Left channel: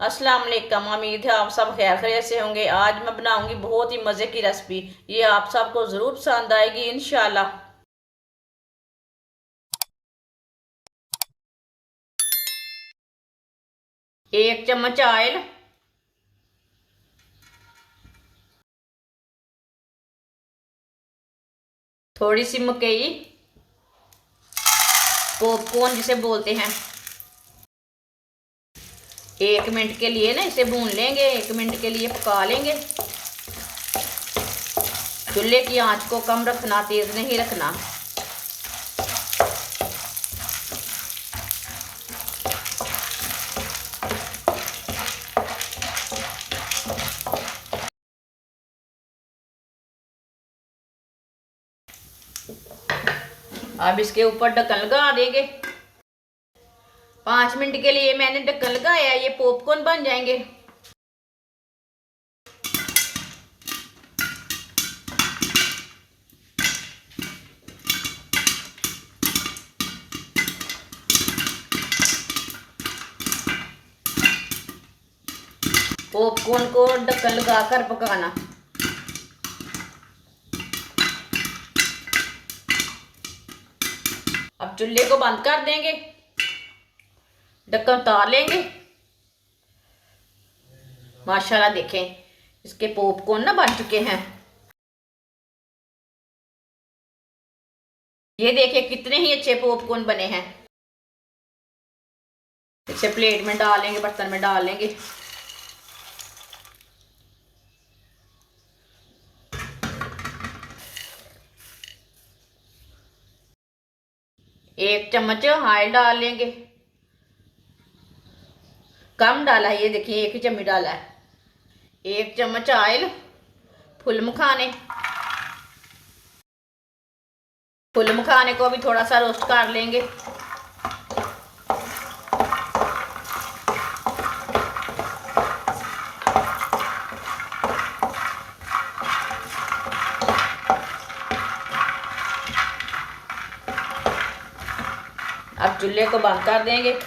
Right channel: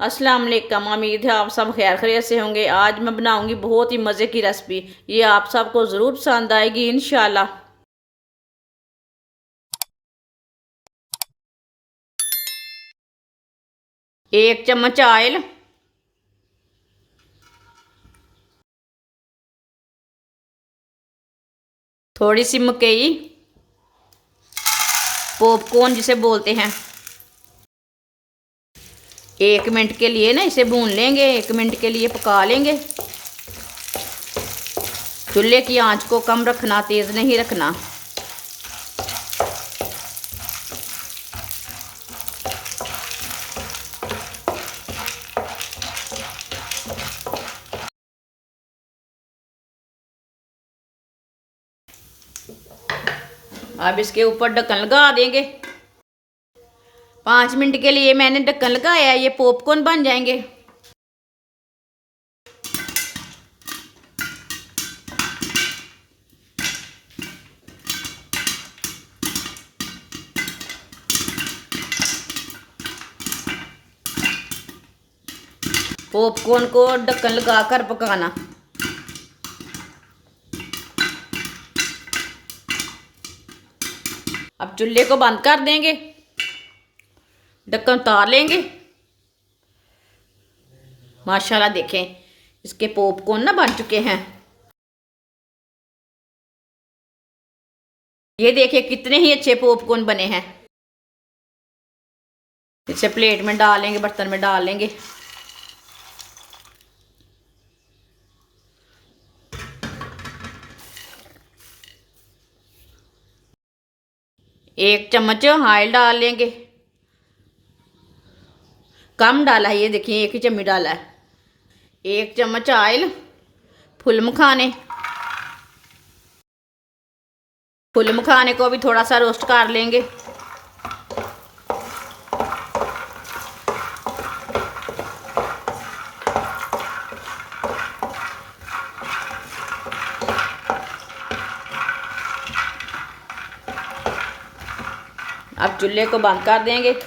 अस्सलाम वालेकुम। उम्मीद है आप सब खैर खैरियत से होंगे। आज मैं बनाऊंगी बहुत ही मज़े की रेसिपी। ये आप सबको ज़रूर पसंद आएगी इंशाल्लाह। 1 चम्मच ऑयल, थोड़ी सी मकई, पॉपकॉर्न जिसे बोलते हैं। 1 मिनट के लिए ना इसे भून लेंगे, 1 मिनट के लिए पका लेंगे। चूल्हे की आंच को कम रखना, तेज़ नहीं रखना। अब इसके ऊपर ढक्कन लगा देंगे। 5 मिनट के लिए मैंने ढक्कन लगाया, ये पॉपकॉर्न बन जाएंगे। पॉपकॉर्न को ढक्कन लगाकर पकाना। अब चूल्हे को बंद कर देंगे, ढक्कन उतार लेंगे। माशाल्लाह देखें, इसके पॉपकॉर्न ना बन चुके हैं। ये देखिए कितने ही अच्छे पॉपकॉर्न बने हैं। इसे प्लेट में डाल लेंगे, बर्तन में डाल लेंगे। एक चम्मच ऑयल डाल लेंगे। कम डाला है, ये देखिए 1 ही चम्मच डाला है। 1 चम्मच ऑयल। फुल मखाने, फुल मखाने को भी थोड़ा सा रोस्ट कर लेंगे। अब चूल्हे को बंद कर देंगे।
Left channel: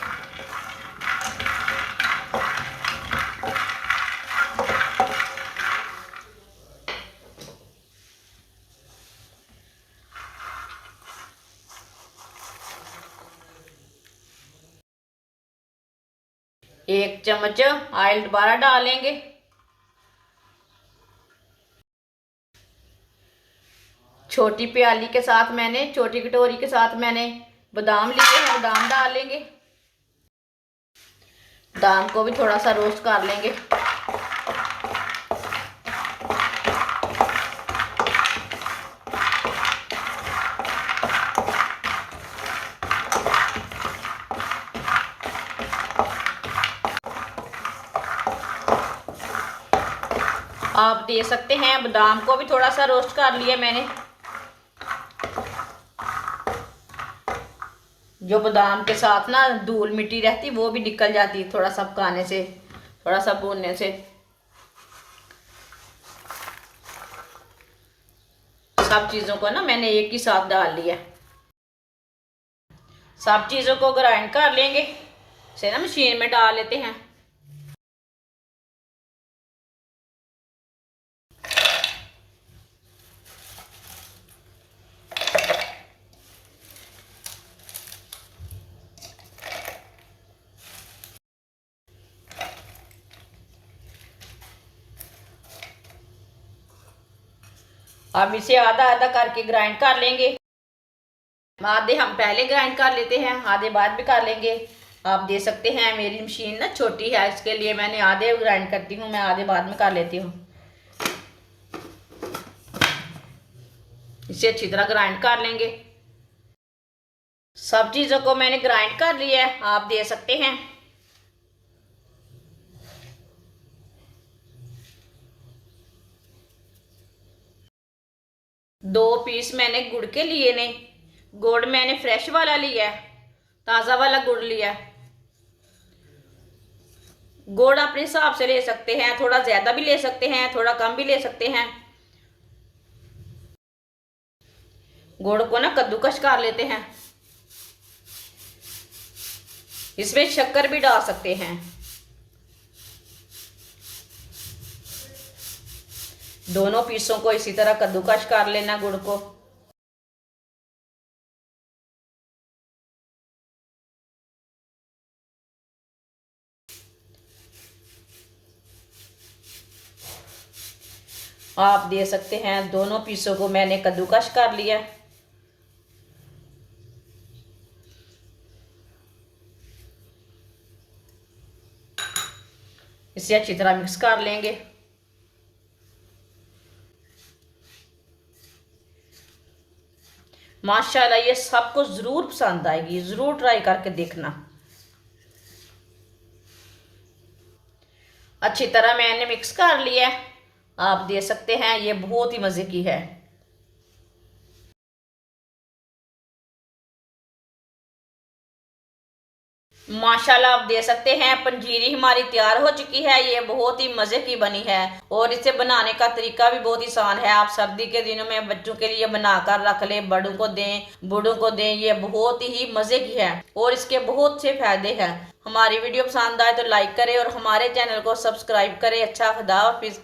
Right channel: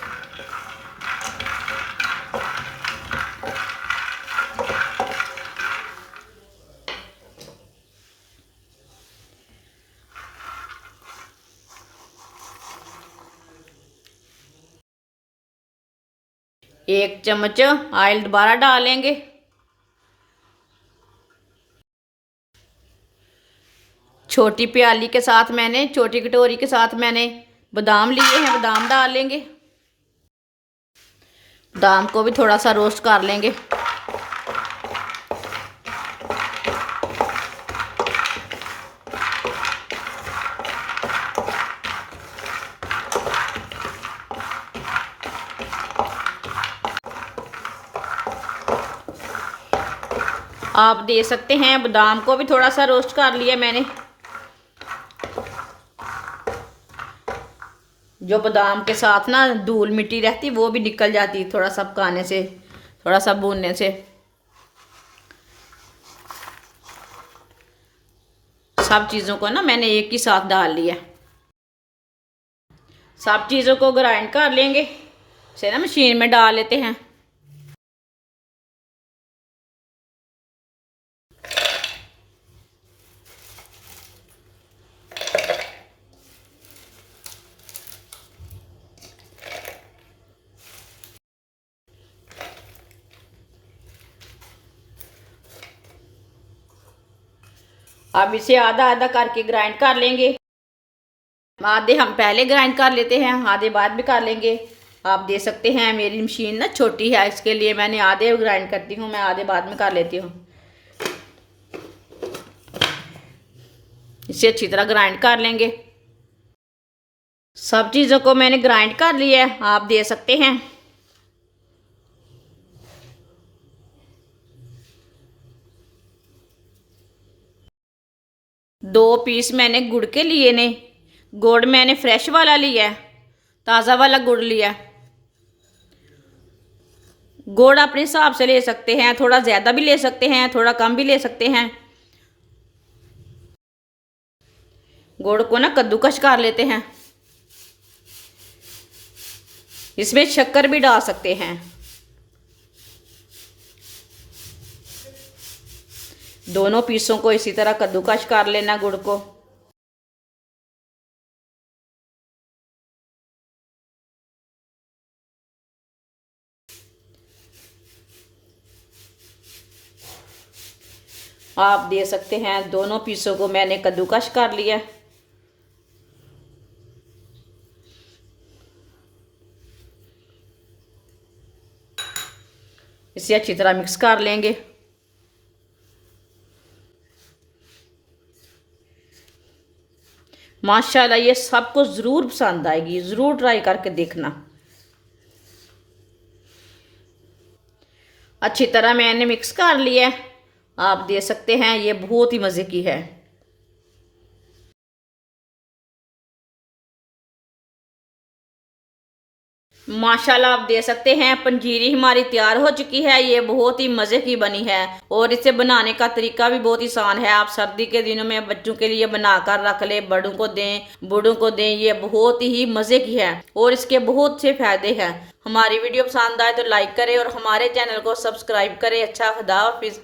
एक चम्मच ऑयल दोबारा डालेंगे। छोटी प्याली के साथ मैंने, छोटी कटोरी के साथ मैंने बादाम लिए हैं, बादाम डाल लेंगे। बादाम को भी थोड़ा सा रोस्ट कर लेंगे। आप दे सकते हैं, बादाम को भी थोड़ा सा रोस्ट कर लिया मैंने। जो बादाम के साथ ना धूल मिट्टी रहती वो भी निकल जाती थोड़ा सा पकाने से, थोड़ा सा भूनने से। सब चीज़ों को ना मैंने एक ही साथ डाल लिया। सब चीज़ों को ग्राइंड कर लेंगे। इसे ना मशीन में डाल लेते हैं। अब इसे आधा आधा करके ग्राइंड कर लेंगे। आधे हम पहले ग्राइंड कर लेते हैं, आधे बाद भी कर लेंगे। आप दे सकते हैं, मेरी मशीन ना छोटी है, इसके लिए मैंने आधे ग्राइंड करती हूँ, मैं आधे बाद में कर लेती हूँ। इसे अच्छी तरह ग्राइंड कर लेंगे। सब चीज़ों को मैंने ग्राइंड कर लिया है, आप दे सकते हैं। दो पीस मैंने गुड़ के लिए ने। गुड़ मैंने फ्रेश वाला लिया है, ताज़ा वाला गुड़ लिया। गुड़ अपने हिसाब से ले सकते हैं, थोड़ा ज़्यादा भी ले सकते हैं, थोड़ा कम भी ले सकते हैं। गुड़ को ना कद्दूकस कर लेते हैं। इसमें शक्कर भी डाल सकते हैं। दोनों पीसों को इसी तरह कद्दूकश कर लेना गुड़ को। आप दे सकते हैं दोनों पीसों को मैंने कद्दूकश कर लिया। इसे अच्छी तरह मिक्स कर लेंगे। माशाल्लाह ये सबको ज़रूर पसंद आएगी, ज़रूर ट्राई करके देखना। अच्छी तरह मैंने मिक्स कर लिया है। आप दे सकते हैं ये बहुत ही मज़े की है। माशाल्लाह आप दे सकते हैं पंजीरी हमारी तैयार हो चुकी है। ये बहुत ही मज़े की बनी है और इसे बनाने का तरीका भी बहुत आसान है। आप सर्दी के दिनों में बच्चों के लिए बनाकर रख ले, बड़ों को दें, बूढ़ों को दें। ये बहुत ही मज़े की है और इसके बहुत से फायदे हैं। हमारी वीडियो पसंद आए तो लाइक करें और हमारे चैनल को सब्सक्राइब करें। अच्छा, खुदा हाफिज़।